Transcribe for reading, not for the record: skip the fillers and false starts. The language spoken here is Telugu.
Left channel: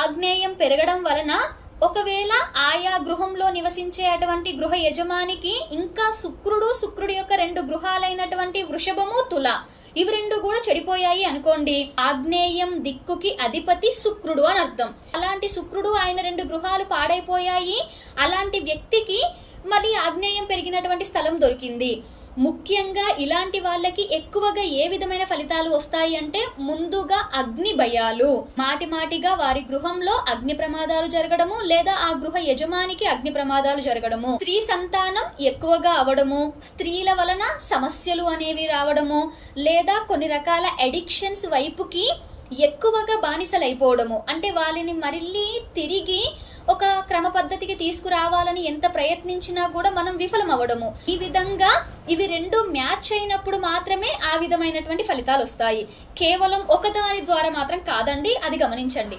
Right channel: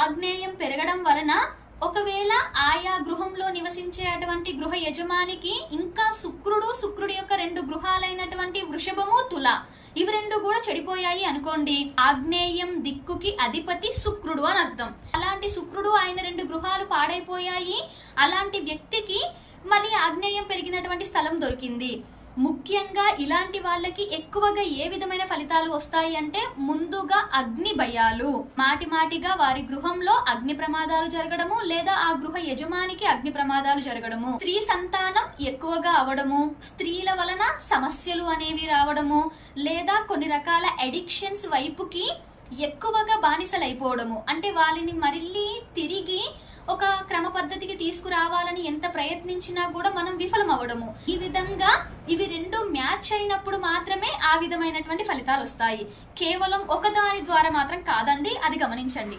ఆగ్నేయం పెరగడం వలన ఒకవేళ ఆయా గృహంలో నివసించే అటువంటి గృహ యజమానికి ఇంకా శుక్రుడి యొక్క 2 గృహాలైనటువంటి వృషభము తుల ఇవి 2 కూడా చెడిపోయాయి అనుకోండి, ఆగ్నేయం దిక్కుకి అధిపతి శుక్రుడు అని అర్థం. అలాంటి శుక్రుడు ఆయన 2 గృహాలు పాడైపోయాయి, అలాంటి వ్యక్తికి మళ్ళీ ఆగ్నేయం పెరిగినటువంటి స్థలం దొరికింది. ముఖ్యంగా ఇలాంటి వాళ్ళకి ఎక్కువగా ఏ విధమైన ఫలితాలు వస్తాయి అంటే ముందుగా అగ్ని భయాలు, మాటిమాటిగా వారి గృహంలో అగ్ని ప్రమాదాలు జరగడము లేదా ఆ గృహ యజమానికి అగ్ని ప్రమాదాలు జరగడము, స్త్రీ సంతానం ఎక్కువగా అవడము, స్త్రీల వలన సమస్యలు అనేవి రావడము లేదా కొన్ని రకాల అడిక్షన్స్ వైపుకి ఎక్కువగా బానిసలైపోవడము, అంటే వాళ్ళని మళ్ళీ తిరిగి ఒక క్రమ పద్ధతికి తీసుకురావాలని ఎంత ప్రయత్నించినా కూడా మనం విఫలం అవ్వడము. ఈ విధంగా ఇవి 2 మ్యాచ్ అయినప్పుడు మాత్రమే ఆ విధమైనటువంటి ఫలితాలు వస్తాయి. కేవలం ఒకదాని ద్వారా మాత్రం కాదండి, అది గమనించండి.